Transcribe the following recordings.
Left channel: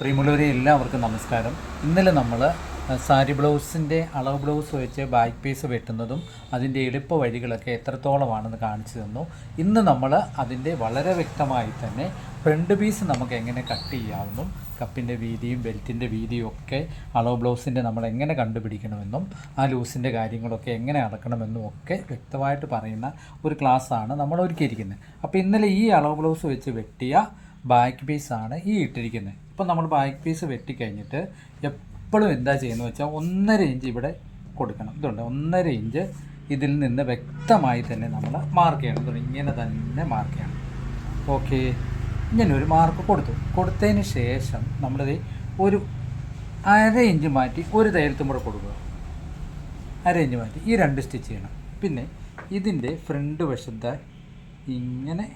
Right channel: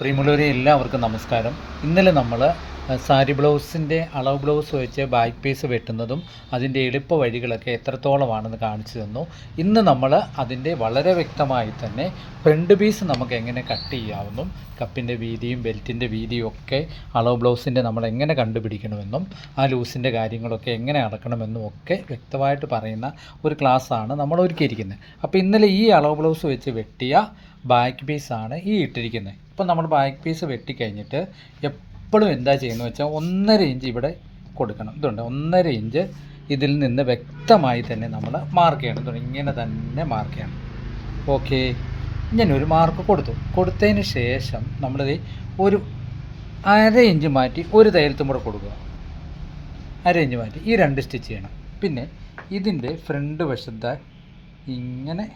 പ്രിയമുള്ളവരെ എല്ലാവർക്കും നമസ്കാരം. ഇന്നലെ നമ്മൾ സാരി ബ്ലൗസിൻ്റെ അളവ് ബ്ലൗസ് വെച്ച് ബാക്ക് പീസ് വെട്ടുന്നതും അതിൻ്റെ എളുപ്പ വഴികളൊക്കെ എത്രത്തോളമാണെന്ന് കാണിച്ചു തന്നു. ഇന്ന് നമ്മൾ അതിൻ്റെ വളരെ വ്യക്തമായി തന്നെ ഫ്രണ്ട് പീസ് നമുക്ക് എങ്ങനെ കട്ട് ചെയ്യാമെന്നും കപ്പിൻ്റെ വീതിയും ബെൽറ്റിൻ്റെ വീതിയും ഒക്കെ അളവ് ബ്ലൗസിൻ്റെ നമ്മൾ എങ്ങനെ കണ്ടുപിടിക്കണമെന്നും ആ ലൂസിൻ്റെ കാര്യങ്ങളൊക്കെ എങ്ങനെ അടക്കണമെന്നും ഒക്കെ വ്യക്തമായിട്ട് പറയുന്ന ഒരു ക്ലാസ്സാണ് നമ്മൾ ഒരുക്കിയിരിക്കുന്നത്. അപ്പോൾ ഇന്നലെ ഈ അളവ് ബ്ലൗസ് വെച്ച് വെട്ടിയ ബാക്ക് പീസാണ് ഈ ഇട്ടിരിക്കുന്നത്. ഇപ്പം നമ്മൾ ബാക്ക് പീസ് വെട്ടിക്കഴിഞ്ഞിട്ട് എപ്പോഴും എന്താ ചെയ്യുന്നത് വെച്ചാൽ 1.5 ഇഞ്ച് ഇവിടെ കൊടുക്കണം. ഇതുണ്ട് 1.5 ഇഞ്ച് ഇതിൽ നിന്ന് വ്യക്തമായി തന്നെ നമ്മൾ മാർക്ക് ചെയ്യണം. ഇതുണ്ട് ഇങ്ങനെ തന്നെ മാർക്ക് ചെയ്യണം. ഓക്കെ, ഇങ്ങനെ ഒരു മാർക്ക് കൊടുത്തതിന് ശേഷം നമ്മൾ ഒരു 1/2 ഇഞ്ച് മാറ്റി ഒരു തയ്യലത്തും കൂടെ കൊടുക്കുക. 1/2 ഇഞ്ച് മാറ്റി ഈ 2 സ്റ്റിച്ച് ചെയ്യണം. പിന്നെ ഇതിൻ്റെ ഫ്രണ്ട് വശത്ത് ഇങ്ങനെ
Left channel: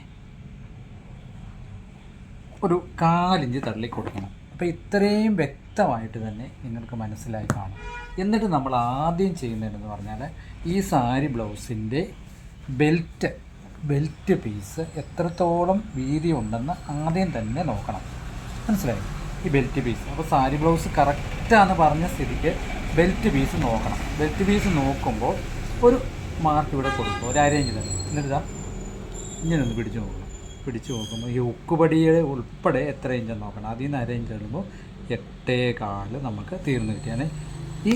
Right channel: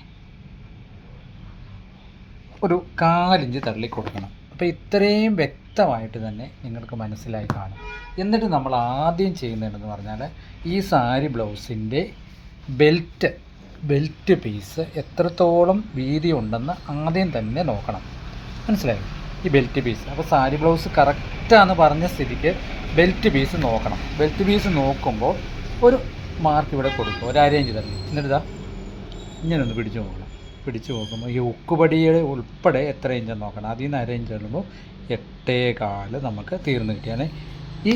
ഒരു 1/4 ഇഞ്ച് തള്ളി കൊടുക്കണം. അപ്പോൾ ഇത്രയും വ്യക്തമായിട്ട് തന്നെ നിങ്ങൾക്ക് മനസ്സിലായി കാണും. എന്നിട്ട് നമ്മൾ ആദ്യം ചെയ്യുന്നതെന്ന് പറഞ്ഞാൽ ഈ സാരി ബ്ലൗസിൻ്റെ ബെൽറ്റ് പീസ് എത്രത്തോളം വീതി ഉണ്ടെന്ന് ആദ്യം തന്നെ നോക്കണം. മനസ്സിലായോ? ഈ ബെൽറ്റ് പീസ് അപ്പോൾ സാരി ബ്ലൗസ് കറക്റ്റാന്ന് പറഞ്ഞ സ്ഥിതിക്ക് ബെൽറ്റ് പീസ് നോക്കണം. ബെൽറ്റ് പീസ് നോക്കുമ്പോൾ ഒരു മാർക്ക് ഇവിടെ കൊടുക്കും, ഒരു 1/2 ഇഞ്ച് തന്നെ. എന്നിട്ട് ഇങ്ങനൊന്ന് പിടിച്ചു നോക്കുമ്പോൾ ഈ ഉക്കുപടിയുടെ ഉൾപ്പെടെ എത്ര ഇഞ്ച് നോക്കണം. അതിൽ നിന്ന് 1/2 ഇഞ്ച് ഇടുമ്പോൾ 8.25 നമുക്ക് തീർന്നു കിട്ടിയാണ്. ഈ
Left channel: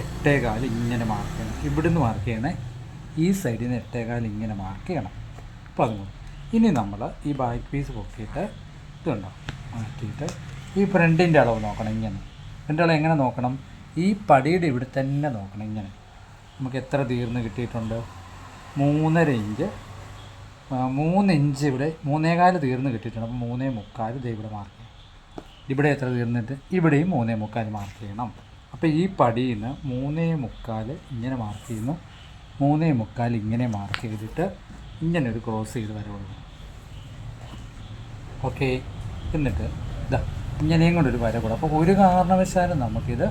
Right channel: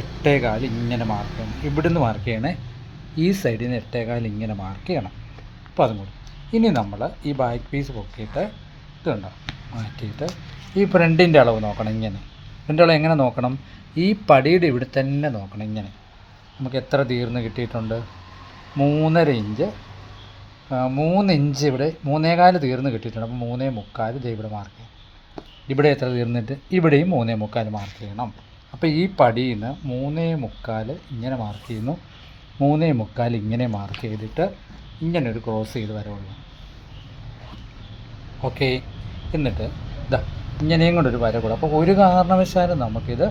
8.25 ഇങ്ങനെ മാർക്ക് ചെയ്യണം. ഇവിടുന്ന് മാർക്ക് ചെയ്യണേ, ഈ സൈഡിൽ നിന്ന് 8.25 ഇങ്ങനെ മാർക്ക് ചെയ്യണം. അപ്പോൾ അതും കൂടി ഇനി നമ്മൾ ഈ ബാക്ക് പീസ് പൊക്കിയിട്ട് ഇതുണ്ടോ മാറ്റിയിട്ട് ഈ ഫ്രണ്ടിൻ്റെ അളവ് നോക്കണം. ഇങ്ങനെ ഫ്രണ്ട് അളവ് എങ്ങനെ നോക്കണം? ഈ പടിയുടെ ഇവിടെ തന്നെ നോക്കണം. ഇങ്ങനെ നമുക്ക് എത്ര തീർന്ന് കിട്ടിയിട്ടുണ്ട്? 3.5 ഇഞ്ച് 3 ഇഞ്ച് ഇവിടെ 3.25 തീർന്ന് കിട്ടിയിട്ടുണ്ട്. അപ്പോൾ 3.25 ഇത് ഇവിടെ മാർക്ക് ചെയ്യണം. ഇവിടെ എത്ര തീർന്നിട്ട് ഇവിടെയും 3.25 മാർക്ക് ചെയ്യണം. അപ്പോൾ ഈ പടിയിൽ നിന്ന് 3.25 ഇങ്ങനെ മാർക്ക് ചെയ്യുന്നു, 3.25 ഇങ്ങനെ മാർക്ക് ചെയ്തിട്ട് ഇങ്ങനെ ഒരു ക്രോസ് ചെയ്ത് വര കൊടുക്കണം. ഓക്കെ, എന്നിട്ട് ഇതാ ഇങ്ങനെയും കൊണ്ടൊരു വര കൊടുക്കും. അപ്പോൾ ഒരു കാരണവശാലും നമുക്കിത്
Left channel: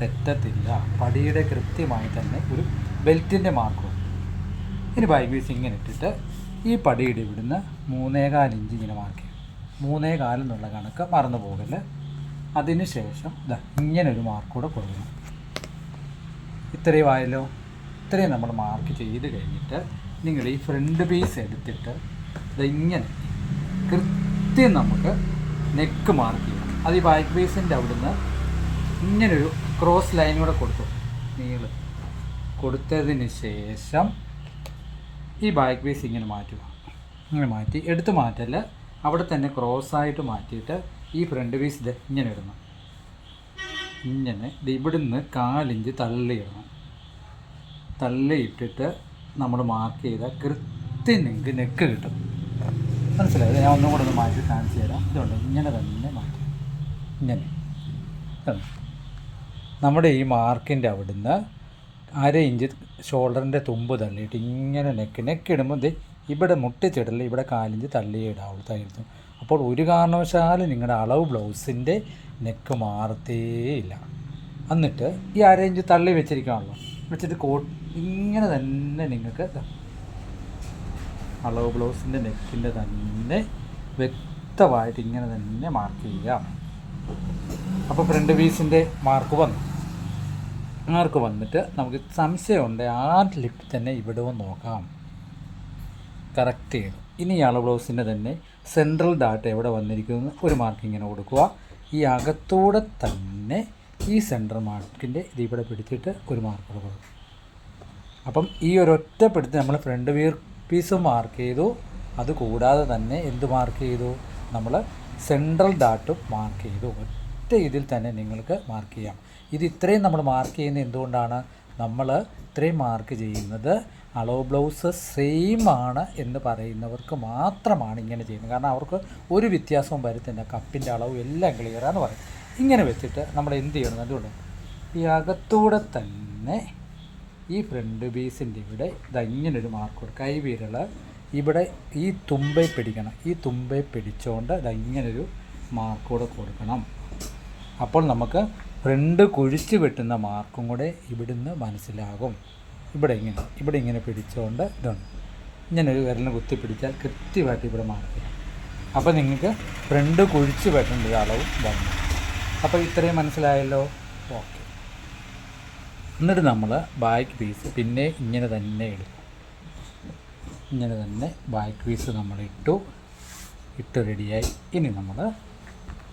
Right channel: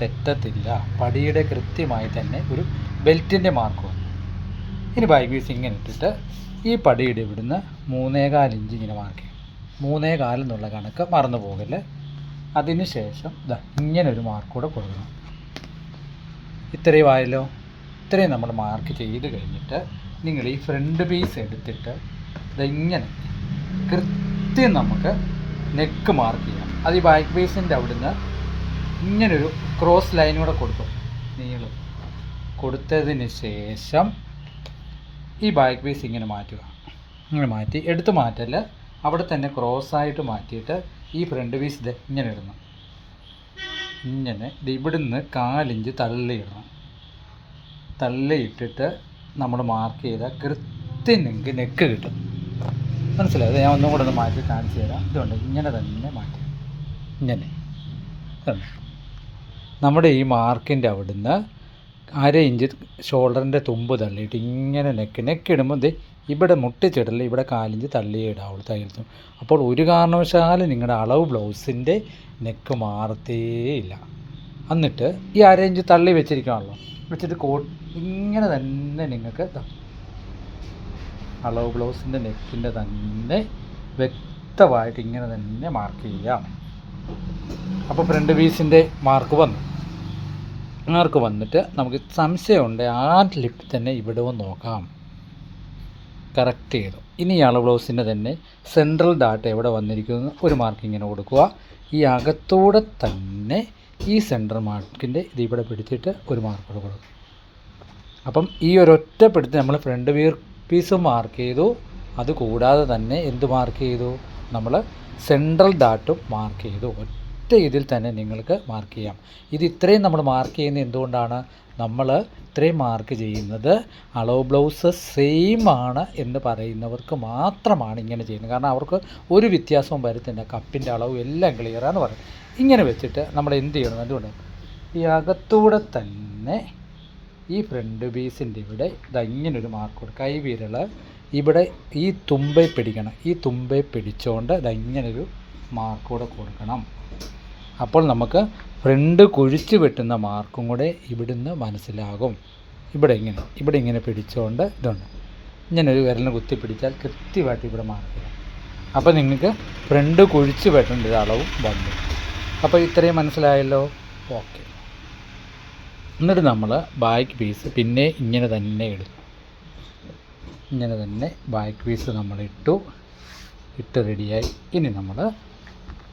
തെറ്റത്തില്ല. പടിയുടെ കൃത്യമായി തന്നെ ഒരു ബെൽറ്റിൻ്റെ മാർക്ക്. ഇനി ബാക്ക് പീസ് ഇങ്ങനെ ഇട്ടിട്ട് ഈ പടിയുടെ ഇവിടുന്ന് 3.25 ഇഞ്ച് ഇങ്ങനെ മാർക്ക് ചെയ്യും. 3.25 എന്നുള്ള കണക്ക് മറന്നു പോകല്. അതിന് ശേഷം ഇതാ ഇങ്ങനൊരു മാർക്ക് കൂടെ കൊടുക്കണം. ഇത്രയും ആയല്ലോ. ഇത്രയും നമ്മൾ മാർക്ക് ചെയ്ത് കഴിഞ്ഞിട്ട് നിങ്ങൾ ഈ ഫ്രണ്ട് പീസ് എടുത്തിട്ട് ഇങ്ങനെ കൃത്യം നമുക്ക് നെക്ക് മാർക്ക് ചെയ്യണം. അത് ഈ ബാക്ക് പീസിൻ്റെ അവിടുന്ന് ഇങ്ങനൊരു ക്രോസ് ലൈൻ കൂടെ കൊടുക്കും. നീളം കൊടുത്തതിന് ശേഷം ഈ ബാക്ക് പീസ് ഇങ്ങനെ മാറ്റുക. ഇങ്ങനെ മാറ്റി എടുത്ത് മാറ്റല്ല, അവിടെ തന്നെ ക്രോസായിട്ട് മാറ്റിയിട്ട് ഈ ഫ്രണ്ട് പീസ് ഇത് ഇങ്ങനെ ഇടണം. ഇങ്ങനെ ഇത് ഇവിടുന്ന് 1/4 ഇഞ്ച് തള്ളിയിടണം. തള്ളിയിട്ടിട്ട് നമ്മൾ മാർക്ക് ചെയ്താൽ കൃത്യം നിങ്ങൾക്ക് നെക്ക് കിട്ടും. മനസ്സിലായത്? ഞാൻ ഒന്നും കൂടെ ഒന്ന് മാറ്റി കാണിച്ചു തരാം. ഇതുണ്ട് ഇങ്ങനെ തന്നെ മാറ്റി ഇങ്ങനെ നമ്മുടെ ഈ മാർക്കിൻ്റെ അവിടുന്ന് 1/2 ഇഞ്ച് ഷോൾഡറിൻ്റെ തുമ്പ് തള്ളിയിട്ട് ഇങ്ങനെ നെക്കിടുമ്പോൾ ഇവിടെ മുട്ടിച്ചിടല്, ഇവിടെ 1/4 ഇഞ്ച് തള്ളിയേ ഇടാവുള്ളൂ തയ്യൽത്തും. അപ്പോൾ ഒരു കാരണവശാലും നിങ്ങളുടെ അളവ് ബ്ലൗസിൻ്റെ നെക്ക് മാറത്തേയില്ല. എന്നിട്ട് ഈ 1/2 ഇഞ്ച് തള്ളി വെച്ചിരിക്കുകയാണല്ലോ, വെച്ചിട്ട് ഇങ്ങനെ തന്നെ നിങ്ങൾക്ക് അളവ് ബ്ലൗസിൻ്റെ നെക്കിൻ്റെ തന്നെ വ്യക്തമായിട്ട് ഇങ്ങനെ തന്നെ മാർക്ക് ചെയ്യാം. അപ്പോൾ ഫ്രണ്ട് പീസിൻ്റെ മാർക്ക് വന്നിട്ട് നമുക്ക് സംശയമുണ്ട് ആ ലിപ്പ് തന്നെ ഇവിടെ നോക്കാം. കറക്റ്റ് ചെയ്ത് ഇനി അളവ് ബ്ലൗസിൻ്റെ തന്നെ സെൻട്രൽ ഡാട്ട് എവിടെ വന്നിരിക്കുന്നു ഒരു മാർക്ക് ഇങ്ങനെ കൊടുക്കുക. ഈ അകത്തൂടെ തന്നെ ഈ സെൻട്രൽ മാർക്കിൻ്റെ ഇത് ഇവിടെ പിടിച്ചിട്ട് ഒരു മാർക്ക് കൊടുക്കും. അപ്പം ഈ ഒരൊറ്റ പിടുത്തി നമ്മൾ ഫ്രണ്ട് പീസ് മാർക്ക് ചെയ്തു. അതുകൂടാതെ തന്നെ എന്ത് മാർക്ക് ചെയ്തു? നമ്മൾ സെൻട്രൽ ഡാട്ടും മാർക്ക് ചെയ്തു. ഒറ്റ ഇതിൽ തന്നെ നിങ്ങൾക്ക് മാർക്ക് ചെയ്യാം. ഇത് ഇത്രയും നമ്മൾ മാർക്ക് ചെയ്യുന്നത് എന്തുകൊണ്ടാണ്? നമ്മൾ ഇത്രയും മാർക്ക് ചെയ്യുന്നത് അളവ് ബ്ലൗസ് സെയിം ആണ് എന്ന് പറയുന്നവർക്ക് മാത്രമാണ് ഇങ്ങനെ ചെയ്യുന്നത്. കാരണം അവർക്ക് ഒരു വ്യത്യാസവും വരുത്തില്ല. കപ്പിൻ്റെ അളവ് എല്ലാം ക്ലിയറാന്ന് പറയും. ഇങ്ങനെ വെച്ചിട്ട് നമ്മൾ എന്ത് ചെയ്യണം? അതുകൊണ്ട് ഈ അകത്തൂടെ തന്നെ ഈ ഫ്രണ്ട് പീസിൻ്റെ ഇവിടെ ഇങ്ങനൊരു മാർക്ക് കൊടുക്കും. കൈവിരൽ ഇവിടെ ഈ തുമ്പെ പിടിക്കണം. ഈ തുമ്പെ പിടിച്ചുകൊണ്ട് ഇങ്ങനൊരു മാർക്ക് കൂടെ കൊടുക്കണം. അപ്പോൾ നമുക്ക് ഫ്രണ്ട് കുഴിച്ച് വെട്ടുന്ന മാർക്കും കൂടെ ഇവിടുന്ന് മനസ്സിലാകും. ഇവിടെ ഇങ്ങനെ പിടിച്ചുകൊണ്ട് ഇതുണ്ട് ഇങ്ങനൊരു വിരലിന് കുത്തി പിടിച്ചാൽ കൃത്യമായിട്ട് ഇവിടെ മാർക്ക് ചെയ്യാം. അപ്പോൾ നിങ്ങൾക്ക് ഫ്രണ്ട് കുഴിച്ച് വെട്ടേണ്ട അളവും വന്നു. അപ്പോൾ ഇത്രയും മനസ്സിലായല്ലോ. ഓക്കെ. എന്നിട്ട് നമ്മൾ ബാക്ക് പീസ് പിന്നെ ഇങ്ങനെ തന്നെ ഇടും. ഇങ്ങനെ തന്നെ ബാക്ക് പീസ് നമ്മൾ ഇട്ട് റെഡിയായി. ഇനി നമ്മൾ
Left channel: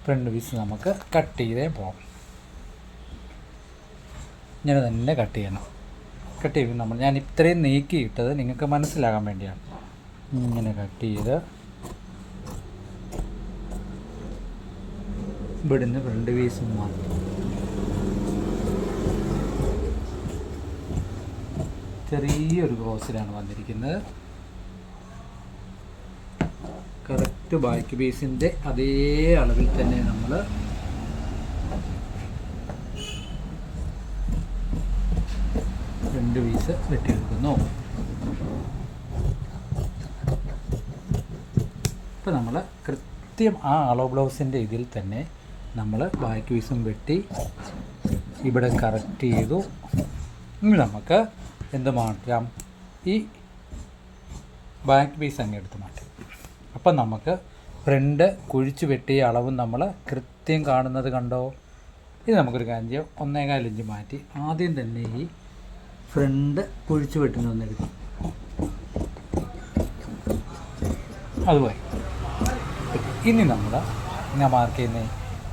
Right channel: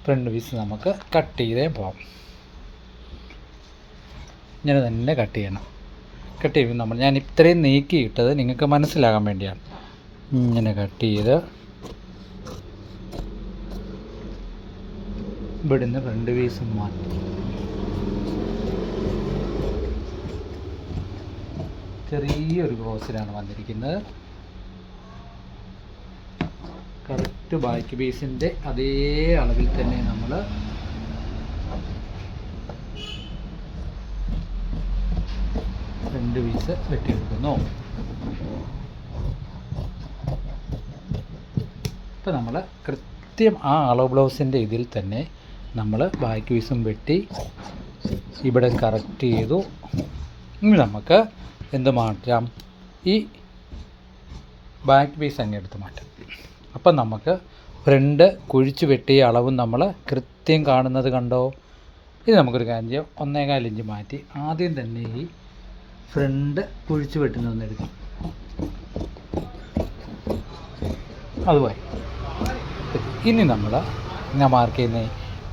ഫ്രണ്ട് പീസ് നമുക്ക് കട്ട് ചെയ്തേ പോകാം. ഇങ്ങനെ തന്നെ കട്ട് ചെയ്യണം. കട്ട് ചെയ്യുമ്പോൾ ഞാൻ ഇത്രയും നീക്കിയിട്ടത് നിങ്ങൾക്ക് മനസ്സിലാകാൻ വേണ്ടിയാണ്. ഇങ്ങനെ കട്ട് ചെയ്ത് ഇവിടുന്ന് ഫ്രണ്ട് പീസ് മാത്രം ചെറിയൊരു ക്രോസിലാണ് വന്നിരിക്കുന്നത്. കറക്റ്റ് ബാക്ക് പീസിൻ്റെ അതേ അളവിൽ തന്നെ നമ്മൾ ഫ്രണ്ട് പീസ് വെട്ടിയെടുക്കുന്നു. ഇപ്പോൾ നമ്മൾ കൃത്യം ആ അളവ് ബ്ലൗസിൻ്റെ ഇതിൽ തന്നെ നമ്മൾ ബാക്ക് പീസും വെട്ടി ഇവിടെ കറക്റ്റ് ചെയ്തു. ഇനി നമുക്ക് എന്ത് മാറ്റാം? ഈ ബാക്ക് പീസ് തന്നെ എടുത്ത് മാറ്റാം. അപ്പം നമുക്ക് ഫ്രണ്ട് കുഴിച്ച് വെട്ടിയ അളവും നമ്മൾ കൃത്യം കാണുന്നത് കണ്ടോ? ഇത് നമുക്കൊരു കാര്യം ചെയ്യാം. 1.25 ഇഞ്ച് മാറ്റി ആദ്യം തന്നെ ഈ ഫ്രണ്ട് കുഴിച്ച് വെട്ടുന്നതെടുക്കും. അതുപോലെ ഇനി നമ്മൾ ഇങ്ങനെ മാർക്ക് ചെയ്യുന്നത്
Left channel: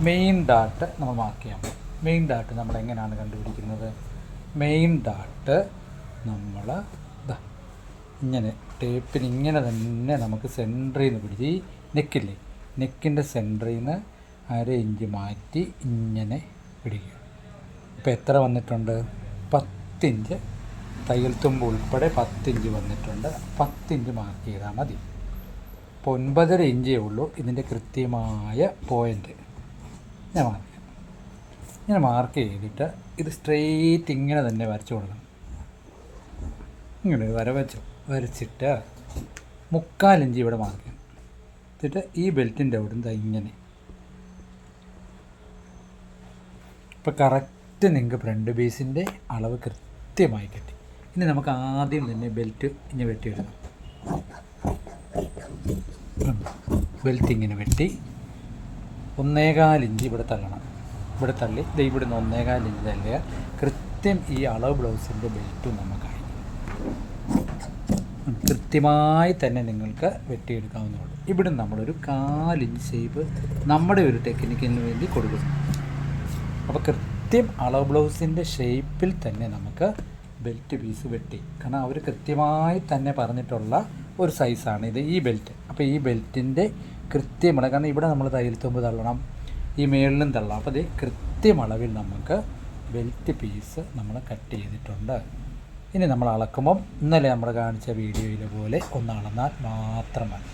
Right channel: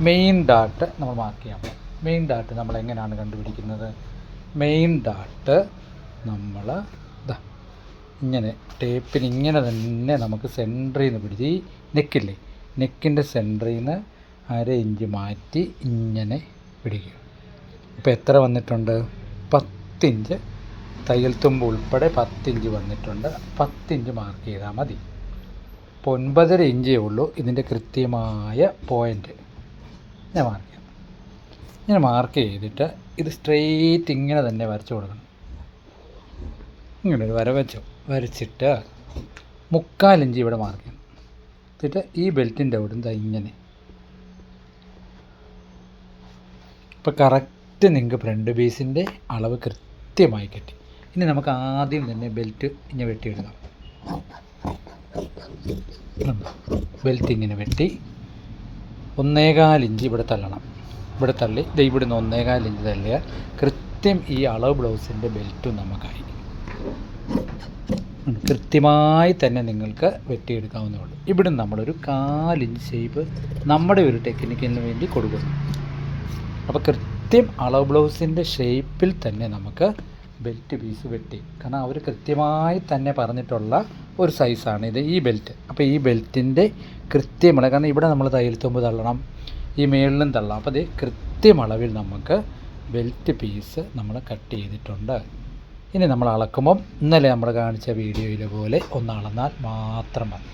മെയിൻ ഡാട്ട് നമ്മൾ മാർക്ക് ചെയ്യാം. മെയിൻ ഡാട്ട് നമ്മൾ എങ്ങനെയാണ് കണ്ടുപിടിക്കുന്നത്? മെയിൻ ഡാട്ട് നമ്മൾ ഇങ്ങനെ ടേപ്പിന് ഇങ്ങനെ തന്നെ നമുക്ക് സെൻറ്ററിൽ നിന്ന് പിടിച്ച് ഈ നെക്കില്ലേ, നെക്കിൻ്റെ സെൻറ്ററിൽ നിന്ന് 1/2 ഇഞ്ച് മാറ്റി ഇങ്ങനെ പിടിക്കുക. ഇപ്പോൾ എത്ര വന്നിട്ടുണ്ട്? 10 ഇഞ്ച്. തയ്യൽ തുമ്പ് ഉൾപ്പെടെ 10 ഇഞ്ച് വന്നിട്ടുണ്ട്. 10 ഇഞ്ച് മാർക്ക് ചെയ്താൽ മതി. ഇപ്പോൾ 9.5 ഇഞ്ചേ ഉള്ളൂ ഇതിൻ്റെ കൃത്യമായ പോയിൻ്റ്. ഞാൻ മാർക്ക് ചെയ്യാം. ഇങ്ങനെ മാർക്ക് ചെയ്തിട്ട് ഇത് സ്ട്രെയിറ്റ് ഇങ്ങനെ തന്നെ വരച്ചു കൊടുക്കണം. ഇങ്ങനൊരു വര വരച്ചിട്ട് 3/4 ഇഞ്ച് ഇവിടെ മാർക്ക് ചെയ്യും. എന്നിട്ട് ഈ ബെൽറ്റിൻ്റെ അവിടെ നിന്ന് ഇങ്ങനെ. ഇപ്പോൾ കറക്റ്റ് നിങ്ങൾക്ക് ഫ്രണ്ട് പീസിൻ്റെ അളവ് കൃത്യമായി കിട്ടി. ഇനി നമുക്ക് ആദ്യം തന്നെ ബെൽറ്റ് ഇങ്ങനെ വെട്ടിയെടുക്കാം. ബെൽറ്റ് ഇങ്ങനെ വെട്ടി 1.25 ഇഞ്ച് ഇവിടെ തള്ളണം. ഇവിടെ തള്ളി ഇവിടുന്ന് 1.25 ഇഞ്ച് തള്ളിയ കൃത്യം ഈ അളവ് ബ്ലൗസിൻ്റെ ബെൽറ്റും നമുക്കായി. കൃത്യമായി തന്നെ നിങ്ങൾക്ക് വെട്ടിയെടുക്കാവുന്നതുള്ളൂ. ഇവിടെ നമ്മളൊരു 1/4 ഇഞ്ച് ഷേപ്പ് നമ്മുടെ ഒരു ടെക്നിക്കിന് വേണ്ടി കൊടുക്കുന്നു. അപ്പോൾ കൃത്യം അളവ് ബ്ലൗസിൻ്റെ ഷേപ്പിൽ തന്നെ നമുക്ക് ബെൽറ്റ് പീസ് വെട്ടി. കാരണം അവർ കൃത്യമായി തന്നെ പറഞ്ഞിട്ടുള്ള ഒരു സൈസാണ് ഇത്, ഈ ബെൽറ്റ്. അപ്പോൾ ഈ ബെൽറ്റിൻ്റെ കൃത്യമുള്ള, കാരണം ഇവിടെ നമ്മൾ തയ്യൽ തുമ്പ് തള്ളണം, ഈ മേളിലും തള്ളാം. അപ്പോൾ അത് കൃത്യമളവിൽ നമുക്ക് ബെൽറ്റ് പീസ് നമ്മൾ കട്ട് ചെയ്തിട്ടുണ്ട്. ഇനി നമ്മൾ അളക്കുമ്പം ഇന്നലെ നമ്മൾ കാണിച്ച വീഡിയോയിലെ പോലെ ഒന്ന് അളന്നാൽ മാത്രം മതി.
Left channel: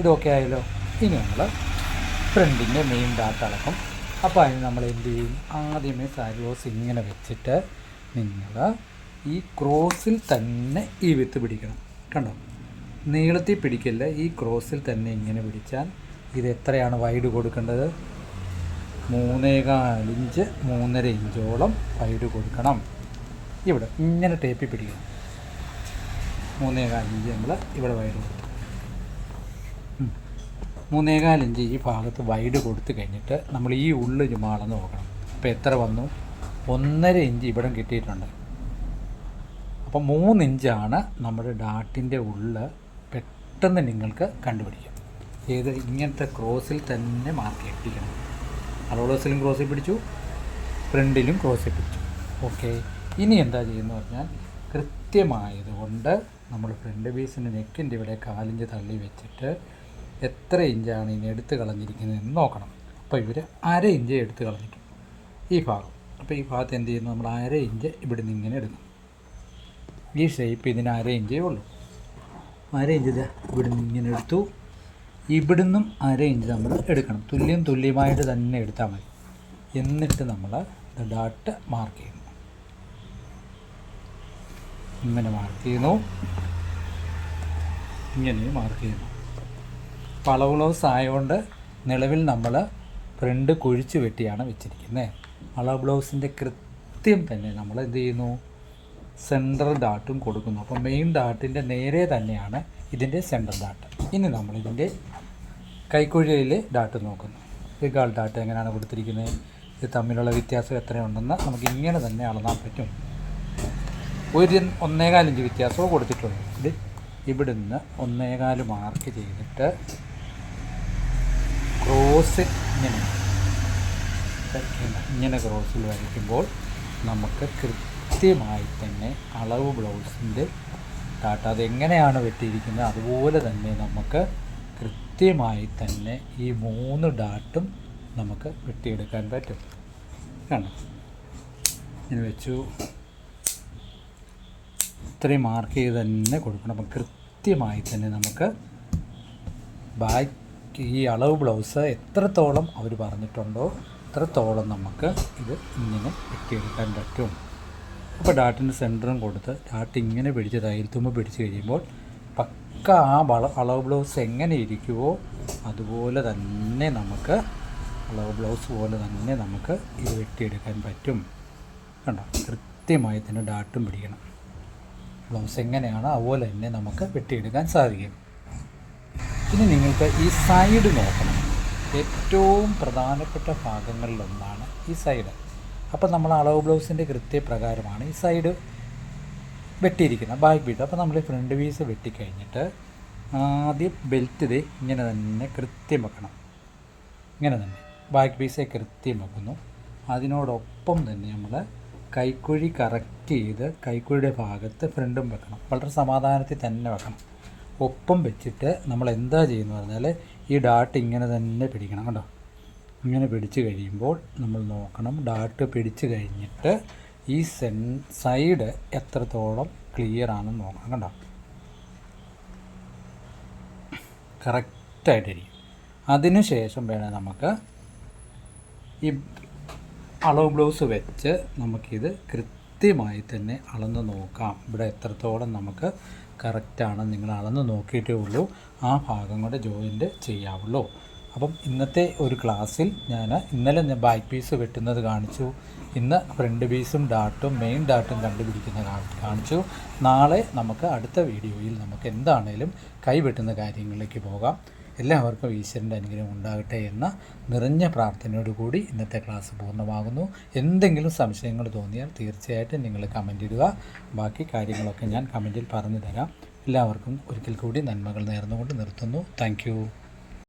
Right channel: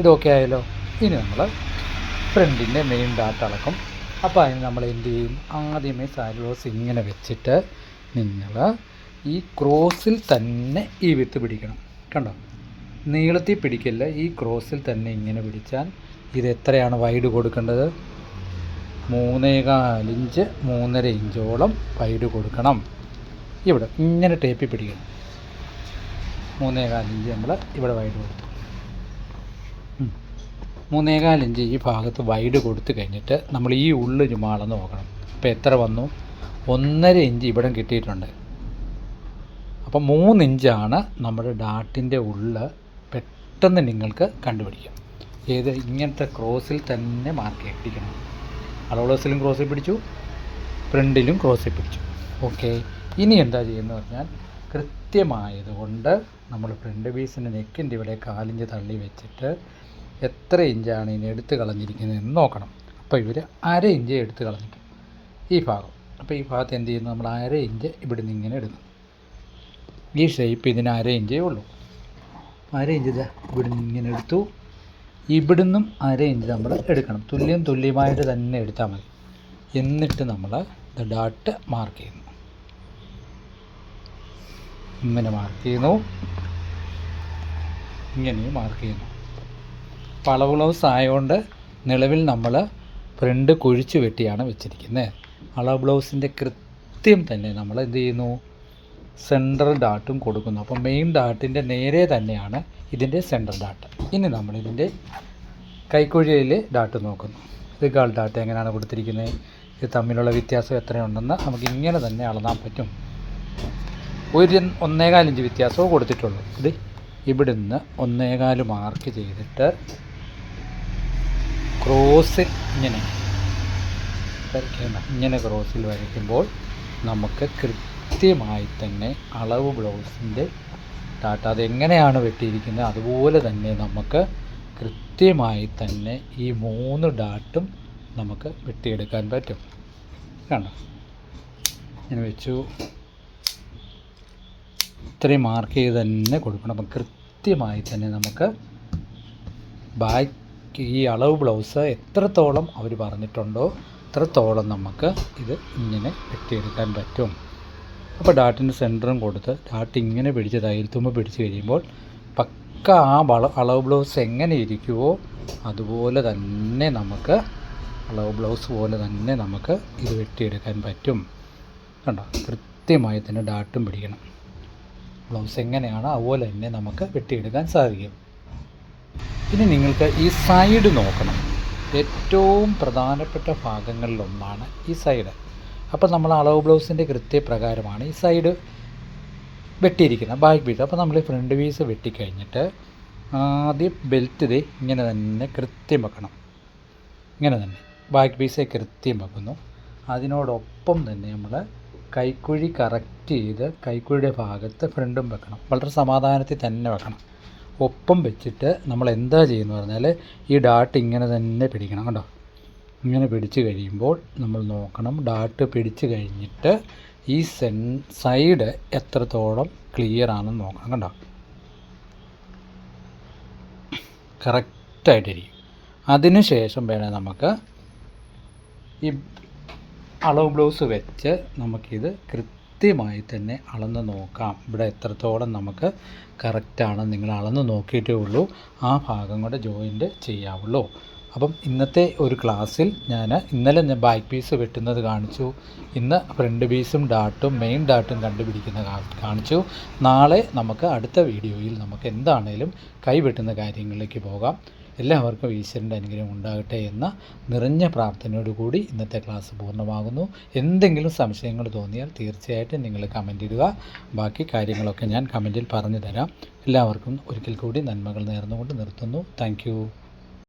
ഇതൊക്കെ ആയല്ലോ. ഇനി നമ്മൾ ഫ്രണ്ടിൻ്റെ മെയിൻ ഡാട്ട് അളക്കും. അപ്പോൾ അതിന് നമ്മൾ എന്ത് ചെയ്യും? ആദ്യമേ സാരി ബ്ലൗസ് ഇങ്ങനെ വെച്ചിട്ട് നിങ്ങൾ ഈ ക്രോസിൽ തന്നെ ഈ വിത്ത് പിടിക്കണം. കണ്ടോ? നീളത്തിൽ പിടിക്കില്ല, ഈ ക്രോസിൽ തന്നെ ഇങ്ങനെ പിടിച്ചാൽ ഇത് എത്രയാണ് വൈഡ് കൊടുക്കേണ്ടത്? 3.25 ഇഞ്ച് 3.5 ഇഞ്ചോളം വൈഡ് കൊടുക്കണം. ഇവിടെ ഇങ്ങനെ ടേപ്പിൽ പിടിക്കണം. 3.25 ഇഞ്ച് നമ്മൾ ഇവിടെ വൈഡ് കൊടുത്തു. 3.25 ഇഞ്ച് ഈ ഭാഗത്ത് വൈഡ് കൊടുത്തു കഴിഞ്ഞിട്ട് നമ്മൾ ഈ ഉള്ളു ചുമ്മാ അളന്ന് നോക്കണം. അപ്പോൾ എത്ര വന്നു? 1.5 ഇഞ്ച് ഇവിടെ കിട്ടിയിട്ടുണ്ട്. അപ്പോൾ 3 ഇഞ്ചാണ് നമ്മുടെ ഡാട്ടിൻ്റെ ഉള്ള്. പെട്ടെന്ന് നിങ്ങൾക്ക് കണ്ടുപിടിക്കാം. ഏത് ഇങ്ങനത്തെ ക്രോസിൽ തന്നെ മാർക്ക് പിടിക്കണം. അളവ് ബ്ലൗസിലും ക്രോസിൽ പിടിച്ചു, ഫ്രണ്ടിലും ക്രോസിൽ പിടിച്ചു. ഓക്കെ. ഇനി എന്താ ചെയ്യുന്നത് പറഞ്ഞാൽ കൃത്യമായതുകൊണ്ട് നമ്മൾ ഫ്രണ്ട് പീസിൻ്റെ നെക്കിൻ്റെ ഇവിടെ 1/4 ഇഞ്ച് തള്ളി വെച്ചിട്ട് എത്ര ഇഞ്ചാണ് ഇനി എടുത്ത് കളഞ്ഞിരിക്കുന്നതെന്ന് നോക്കണം. അപ്പോൾ ഇവർ 1/2 ഇഞ്ച് എടുത്ത് കളഞ്ഞിരിക്കും ഈ ഭാഗം. അപ്പോൾ ഈ ഭാഗത്ത് എന്ത് ചെയ്യുന്നു? നമ്മൾ 1/2 ഇഞ്ച് ഇവിടെ നിന്ന് ഇങ്ങനെ എടുക്കും. ഈ ഷേപ്പ് ഇതിന് 1/2 ഇഞ്ചേ ഉള്ളൂ. 1/2 ഇഞ്ച് ഇവിടെ നിന്ന് ഇങ്ങനെ എടുത്തു. ഇവിടുന്നും 1/2 ഇഞ്ച് നമ്മൾ എടുക്കണം. തുല്യമായിട്ട് തന്നെ എടുത്താൽ മതി. എന്നിട്ട് നമ്മൾ ഡാട്ട് മാർക്ക് ചെയ്യുന്നു. ഇങ്ങനെ മാർക്ക് ചെയ്യുന്നു, ഇങ്ങനെ മാർക്ക് ചെയ്യുന്നു. അപ്പോൾ അളവ് ബ്ലൗസ് ആയതുകൊണ്ട് നിലവിൽ നമ്മൾ ഫ്രണ്ട് കുഴിച്ച് വെട്ടിയാണ് വെച്ചിരിക്കുന്നത്. അളവ് ബ്ലൗസിൻ്റെ കൃത്യം തന്നെ നമ്മൾ എന്ത് ചെയ്യുന്നു? സെൻട്രൽ ഡാട്ടും കൊടുക്കുന്നു. അപ്പോൾ മെയിൻ ഡാട്ടിൻ്റെ നേരെ തന്നെയാണ് ഇതിൻ്റെ സെൻട്രൽ ഡാട്ട്. ഇനി നമ്മളിതിൻ്റെ കൈക്കുഴിയിൽ ഡാട്ട് നോക്കുന്നു. റിഗാൾ ഡാറ്റ എങ്ങനെയാണ് കൊടുത്തിരിക്കുന്നത്, ഇത് തമ്മിലുള്ള വ്യത്യാസം എത്രയുണ്ടെന്ന് നമുക്ക് ഇങ്ങനെ തന്നെ അളന്നാൻ പറ്റും. 1.25 ഇഞ്ച് വ്യത്യാസമേ കൊടുത്തിട്ടുള്ളൂ. ഇത് ഇവിടുന്ന് 1.25 മാർക്ക് ചെയ്തിട്ട് ക്രോസ് ഇങ്ങനെ ക്രോസിൽ വരയ്ക്കുമ്പോൾ നമുക്ക് കൃത്യമായി തന്നെ അളവ് ബ്ലൗസിൻ്റെ ഡാറ്റ അതെങ്ങനെയാണ് വെട്ടിയിരിക്കുന്നത് അതുപോലെ തന്നെ നമുക്ക് കൃത്യമായി തന്നെ ഈ 3 ഡാട്ടും നമുക്ക് വെട്ടിയെടുക്കാൻ പറ്റും. കാണാം, ഇങ്ങനെ വെച്ചു. ഇത്രയും മാർക്ക് ചെയ്ത് തന്നെ കൊടുക്കണം. അപ്പം കൃത്യമായി തന്നെ നമുക്ക് ഈ അളവ് ബ്ലൗസ് എത്രത്തോളം അവർ പറഞ്ഞിട്ടുണ്ടോ അത്രത്തോളം നമുക്ക് ഇത് ഇങ്ങനെ വെട്ടിയെടുക്കാൻ പറ്റും. അപ്പോൾ ഡാട്ടിൻ്റെ സെൻറ്ററും കൊടുത്ത് ഡാട്ട് ഇങ്ങനെ പിടിച്ച് തയ്യൽത്തുമ്പോൾ പിടിച്ച് കഴിയുമ്പോൾ പക്ക ആ അളവ് ബ്ലൗസ് എങ്ങനെ ഇരിക്കുമോ അതുപോലെ തന്നെ നമുക്ക് അളവ് ബ്ലൗസ് പോലെ തന്നെ നമുക്ക് ഇത് വെട്ടിയെടുക്കാൻ പറ്റും. കണ്ടോ, കൃത്യമായി തന്നെ ഡാട്ടും പിടിക്കണം. ബ്ലൗസ് എങ്ങനെയാണ് അതുപോലെ തന്നെ നമുക്ക് വെട്ടിയെടുക്കാൻ സാധിക്കും. ഇനി നിങ്ങൾക്ക് ഈ സൈഡ് നോക്കണം. ഏറ്റവും പ്രധാനപ്പെട്ട ഭാഗങ്ങളിലൊന്നാണ് ഈ സൈഡ്. അപ്പോൾ നമ്മൾ അളവ് ബ്ലൗസിൻ്റെ കൃത്യപ്രകാരമാണ് ഈ സൈഡ് വെട്ടിയിരിക്കുന്നത്, ബാക്ക് പീസ്. അപ്പോൾ നമ്മൾ ഫ്രണ്ട് പീസ് വെട്ടിക്കഴിഞ്ഞിട്ട് ആദ്യം ബെൽറ്റ് ഇങ്ങനെ തന്നെ കൃത്യം വെക്കണം. ഇങ്ങനെ തന്നെ ബാക്ക് പീസെ കൃത്യം വെക്കുന്നു. അതിനോടൊപ്പം തന്നെ നമ്മൾ കൈക്കുഴി കറക്റ്റ് ചെയ്ത് കൈക്കുഴിയുടെ ഭാഗത്ത് ഫ്രണ്ടും വെക്കണം. വളരെ സമാധാനത്തിൽ തന്നെ വെക്കണം. ഒപ്പം വെച്ചിട്ട് നമ്മൾ എന്താ ചെയ്യുന്നത് പറഞ്ഞാൽ ഈ ഡാട്ട് ഇങ്ങനെ തന്നെ പിടിക്കണം. കണ്ടോ, ഇങ്ങനെ പിടിച്ച് കഴിയുമ്പോൾ നമ്മൾ നോക്കണം, ഡാട്ട് പിടിച്ച് കഴിഞ്ഞിട്ട് ഈ സൈഡ് എത്രത്തോളം ക്ലിയർ ആണെന്ന് നോക്കണം. കണ്ടോ, കറക്റ്റായിട്ടിരിക്കും. അതിന് ശേഷം വേണം നമുക്ക് ഈ അളവ് ബ്ലൗസ് വെച്ച് നമുക്കിത് കൃത്യമായി തന്നെ അളന്ന് നോക്കാം. ഇവിടെ എത്രത്തോളം നമുക്ക് കറക്റ്റാണ് നിങ്ങൾ അളന്ന് നോക്കിയിട്ടേ ഉള്ളൂ ആ ഭാഗം കൂടെ ജോയിൻ്റ് ചെയ്യാവുള്ളൂ. അപ്പം ഇന്നത്തെ ഒരു ക്ലാസ്സിൽ ഇന്നലെ ഞാൻ ബാക്ക് പീസ് വെട്ടുന്നത് കാണിച്ചു, ഇന്ന് ഫ്രണ്ട് പീസും ഡാട്ടും മെയിൻ ഡാട്ടും കണ്ടുപിടിക്കുന്ന കാണിച്ചു. നാളെ നമുക്ക് അടുത്ത വീഡിയോയിൽ നമുക്ക് എന്താണേലും കൈ വെട്ടുന്ന കാര്യങ്ങളിലേക്ക് പോകാം. എല്ലാവർക്കും ഈശ്വരൻ്റെ അനുഗ്രഹം ഉണ്ടാകട്ടെ എന്ന നിറഞ്ഞ പ്രാർത്ഥനയോടുകൂടി ഇന്നത്തെ ക്ലാസ് പൂർണ്ണമാകുന്നു. എന്തെങ്കിലും സംശയങ്ങൾ തോന്നിയാൽ തീർച്ചയായിട്ടും നിങ്ങൾ കമൻ്റ് ഇടുക. ബാക്കി കാര്യങ്ങളൊക്കെ ഞാൻ കമൻറ്റിൽ പറഞ്ഞു തരാം. എല്ലാവർക്കും ഒരിക്കൽ കൂടി നന്മകൾ നേർന്നുകൊണ്ട് നിർത്തുന്നു. താങ്ക്